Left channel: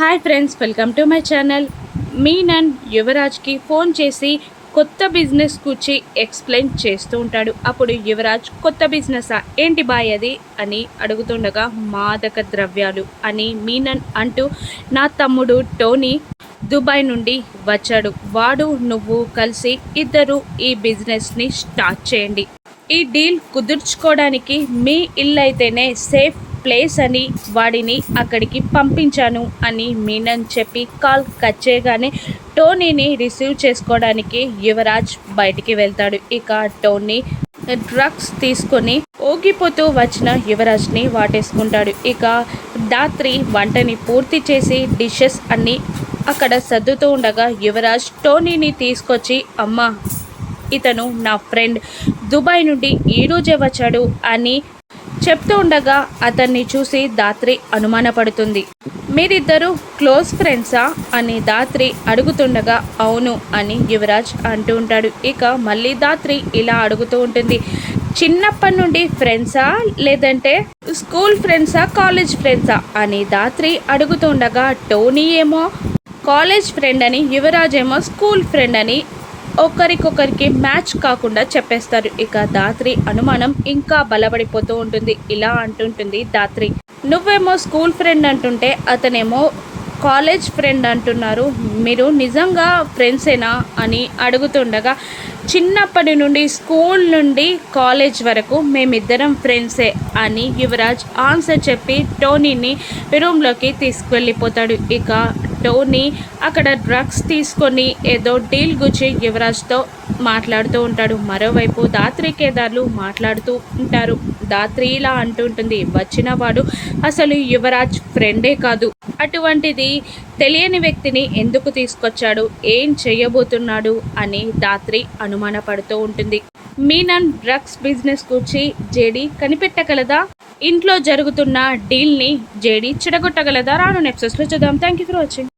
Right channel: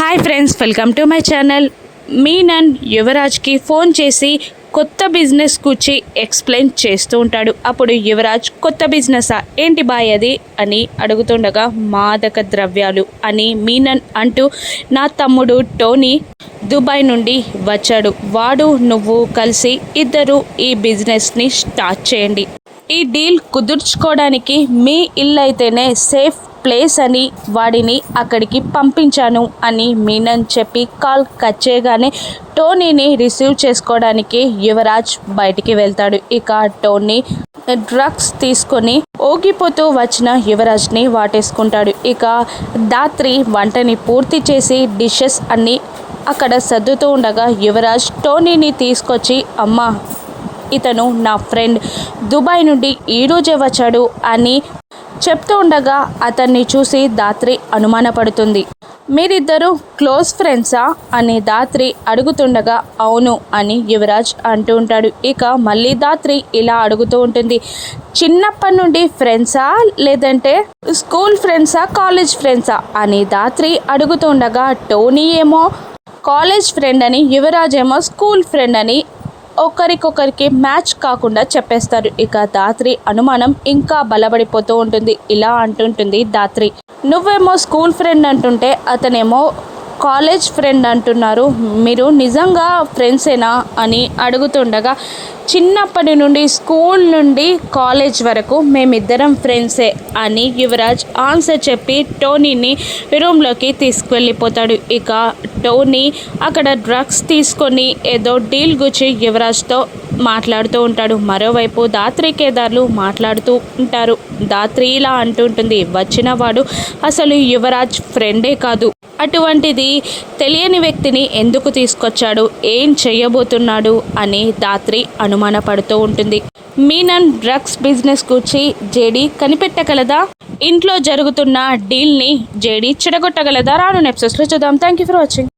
Hi friends, welcome to my channel. Menon యువరాజ్కి phone చేసి కొత్త బిజినెస్ గురించి ఎక్స్ప్లెయిన్ చేస్తూ ఉంటాడు. అప్పుడు యువరాజ్, కొత్త బిజినెసా ఏంటి బాయ్ అది అని అడుగుతుండగా, మాదక ద్రవ్యాలు అని మీనన్ అంటూ, నా తమ్ముడు టోనీ దుబాయ్ నుండి వచ్చాడు, వాడు నువ్వు కలిసి ఇద్దరు ఈ బిజినెస్ని స్టార్ట్ చేయండి. ఈ డీల్ కుదుర్చుకోవడానికి మీ ఇల్లు అయితేనే సేఫ్ ప్లేస్ అని వాడిని అక్కడికి పంపించాను అని మీనన్ చెప్పి కాల్ కట్ చేయగానే టోనీని రిసీవ్ చేసుకోవడానికి యువరాజ్ బయటికి వెళ్తాడు. ఇక టోనీ డ్రగ్స్ తీసుకొని ఓగిపోతూ వచ్చిన యువరాజ్ని వాటేసుకుంటాడు. ఇక దాత్రి వంటని పూర్తి చేసి డిషెస్ అన్నీ అక్కడ సర్దుతూ ఉండగా యువరాజ్ టోనీని తీసుకొచ్చి, అమ్మ ఇతను నా ఫ్రెండ్, దుబాయ్ నుండి ఈరోజే వచ్చాడు అని చెప్తూ ఉండగా అతన్ని చూసి దాత్రి అనుమానపడుతుంది. మీరిద్దరూ క్లోజ్ ఫ్రెండ్సా అని దాత్రి అడుగుతుండగా, అవును అని యువరాజ్ అంటూ ఉంటాడు. ఇక మళ్ళీ దాత్రి ఇలా అడుగుతూ ఉంటుంది, చిన్నప్పటి నుండి ఫ్రెండ్సా లేదంటే స్కూల్ ఫ్రెండ్సా కాలేజ్ ఫ్రెండ్సా అని దాత్రి అడుగుతుండగా, టోనీ ఏమో కాలేజ్ ఫ్రెండ్ అని, యువరాజ్ ఏమో స్కూల్ ఫ్రెండ్ అని ఒకరికొకరికి మ్యాచ్ కాకుండా చెప్పేస్తారు. ఇక దాత్రి అనుమానం ఇంకా బలపడిపోతూ ఉంటుంది. ఇలా అంటుంటుంది దాత్రి, నువ్వేమో స్కూల్ ఫ్రెండ్ అంటుంటే అతనేమో కాలేజ్ ఫ్రెండ్ అంటున్నారు, మీరు నిజంగా ఫ్రెండ్సేనా అని అడుగుతుండగా, చిన్నప్పటి నుండి స్కూల్ నుండి కాలేజ్ వరకు మేమిద్దరం ఫ్రెండ్సే అని యువరాజ్ ఆన్సర్ చెప్పి టోనీని రూమ్లోకి తీసుకువెళ్ళిపోతాడు. ఇక టోనీ అక్కడ డ్రగ్స్ తీసుకొని ఏదో డీల్ గురించి యువరాజ్తో మాట్లాడుతూ ఉంటాడు. మరోవైపు దాత్రి కేదార్లు మాట్లాడుతూ ఉంటారు. దాత్రి ఇలా అంటుంటుంది, వచ్చిన వాడు అసలు యువరాజ్ ఫ్రెండే కాదు, అటువంటిది తెలియని వ్యక్తిని ఎందుకు తీసుకొచ్చాడు, ఏం చేయబోతున్నాడు అని దాత్రి అనుమానపడుతూ ఉంటుంది. మీనన్ డ్రగ్స్ బిజినెస్ గురించి జేడీ కనిపెట్టగలదా? ఇంట్లో జరుగుతున్న డీల్ని జేడీ చెడగొట్టగలదా? రాను ఎపిసోడ్స్లో చూద్దాం. Thank you for watching.